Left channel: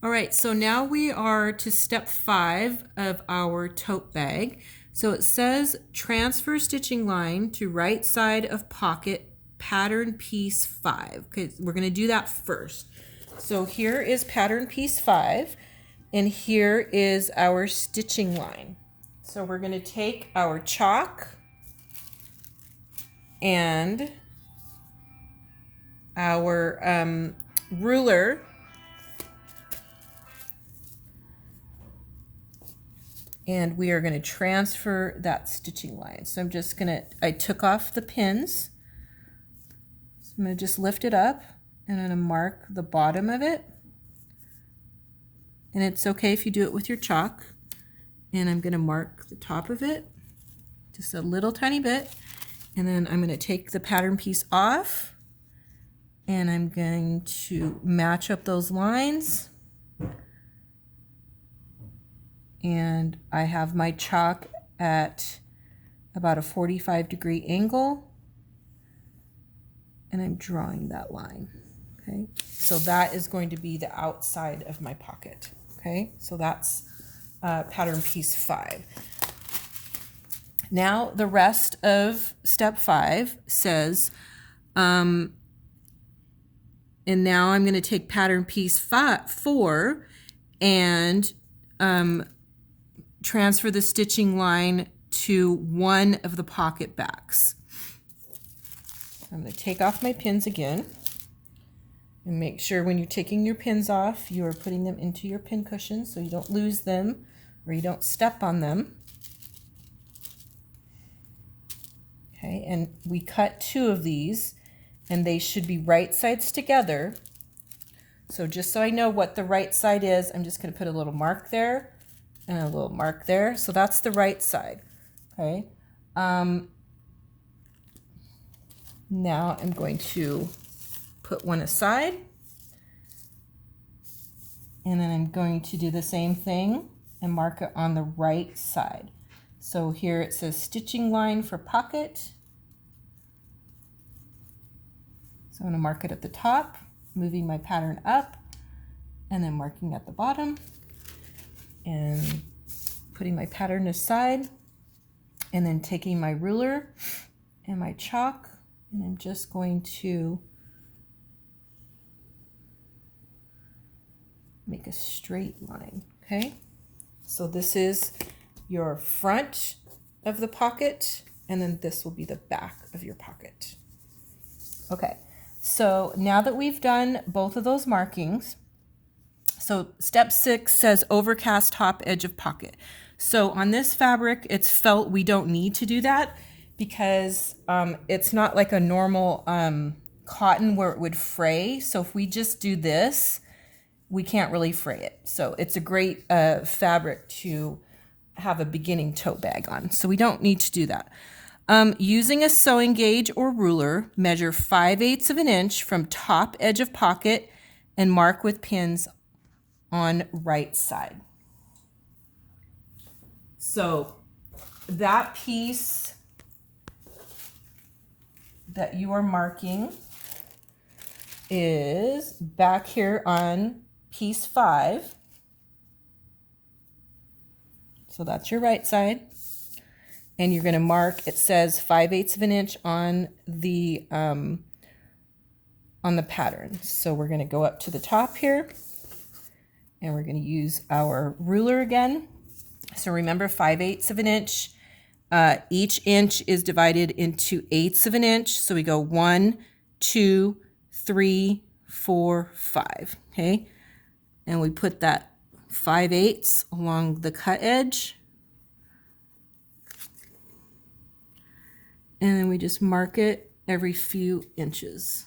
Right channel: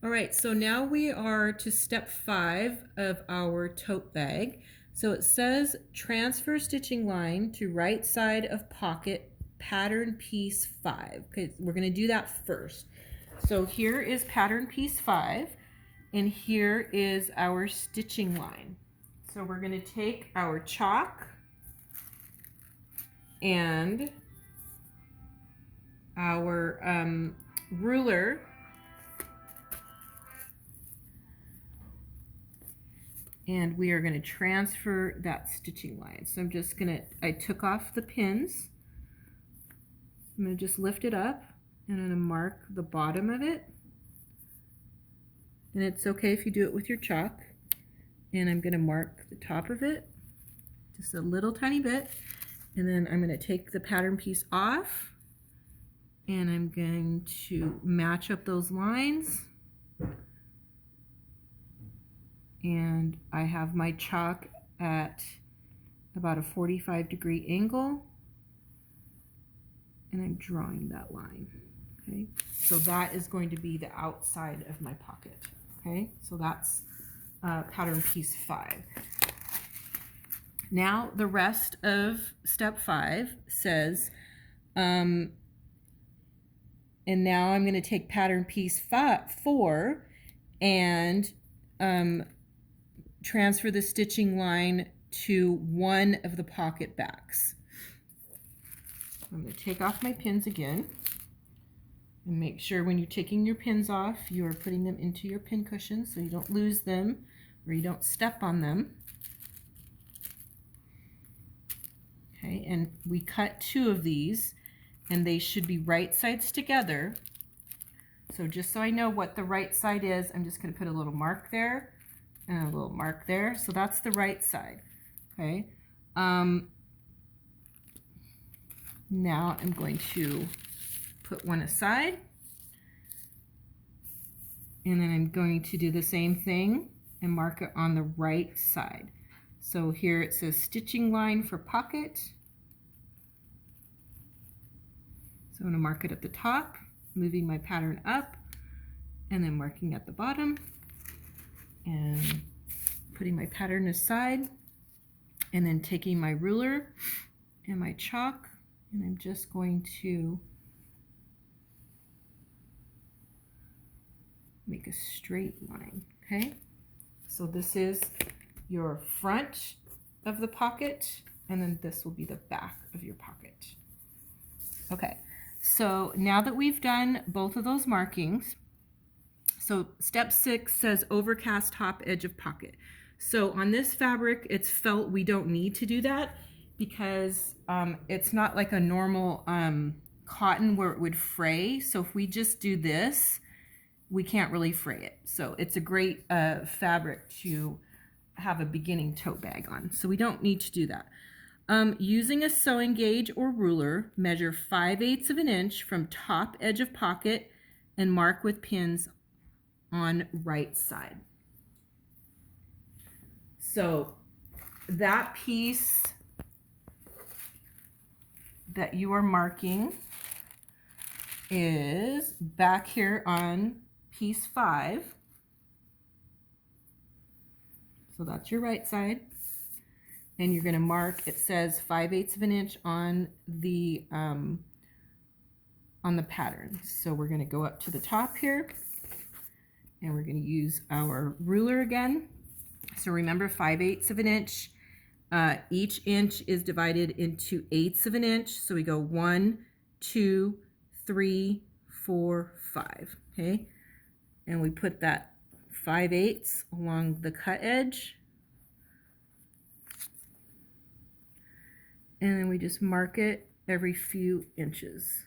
All right, so now we are to step 5 of our tote bag. So it says transfer stitching line to right side of pocket pattern piece 5. Okay, we're going to do that first. So here is pattern piece 5, and here is our stitching line. So we're going to take our chalk and our ruler, and we are going to transfer that stitching line. So I'm just going to, I took off the pins. So I'm going to just lift it up and I'm going to mark the bottom of it. And it's okay if you do it with your chalk. And I'm going to mark the top of it just a little tiny bit. And then I'm going to take the pattern piece off and I'm going to match up those lines. And I have my chalk at about a 45-degree angle, and I'm drawing that line. Okay, so that is going to be the outside of my pocket. Okay, so that's pattern piece 5. Now the rest of step 5 says, and now I'm going to take pattern piece 4 and transfer the stitching line to one of the pocket backs. I'm going to take off my pins again and make sure when you're taking your pins off, you are putting them into your pin cushion so you don't lose them or you don't step on them. Okay, and we cut 2 of these and they should be right sides together. So just so I know what the right side is, I'm just going to put a little mark there and a little mark there. So that's the right side. Okay. Now I'm going to put one aside. And then I'm going to do the same thing and mark it on the right side. So here it says stitching line for pocket. So I'm going to mark it at the top, moving my pattern up, and then marking at the bottom, and putting my pattern aside, and then taking my ruler and my chalk, and I'm just going to make a straight line. Okay, so this is your front of the pocket, and then this will be the back of your pocket. Okay, so now that we've done both of those markings, so step 6 says overcast top edge of pocket. So on this fabric, it's felt. We don't need to do that because it's not like a normal cotton where it would fray. So if we just do this, we can't really fray it. So it's a great fabric to have a beginning tote bag on. So we don't need to do that. Using a sewing gauge or ruler, measure 5/8 of an inch from top edge of pocket and mark with pins on right side. So that piece that you are marking is back here on piece 5. So that's your right side. And you're going to mark, it says 5/8 of an inch on the pattern. So we're going to go up to the top here and we're going to use our ruler again. So remember 5/8 of an inch. Each inch is divided into 1/8 of an inch. So we go 1, 2, 3, 4, 5. Okay. And we put that 5/8 along the cut edge. And then we just mark it every few inches.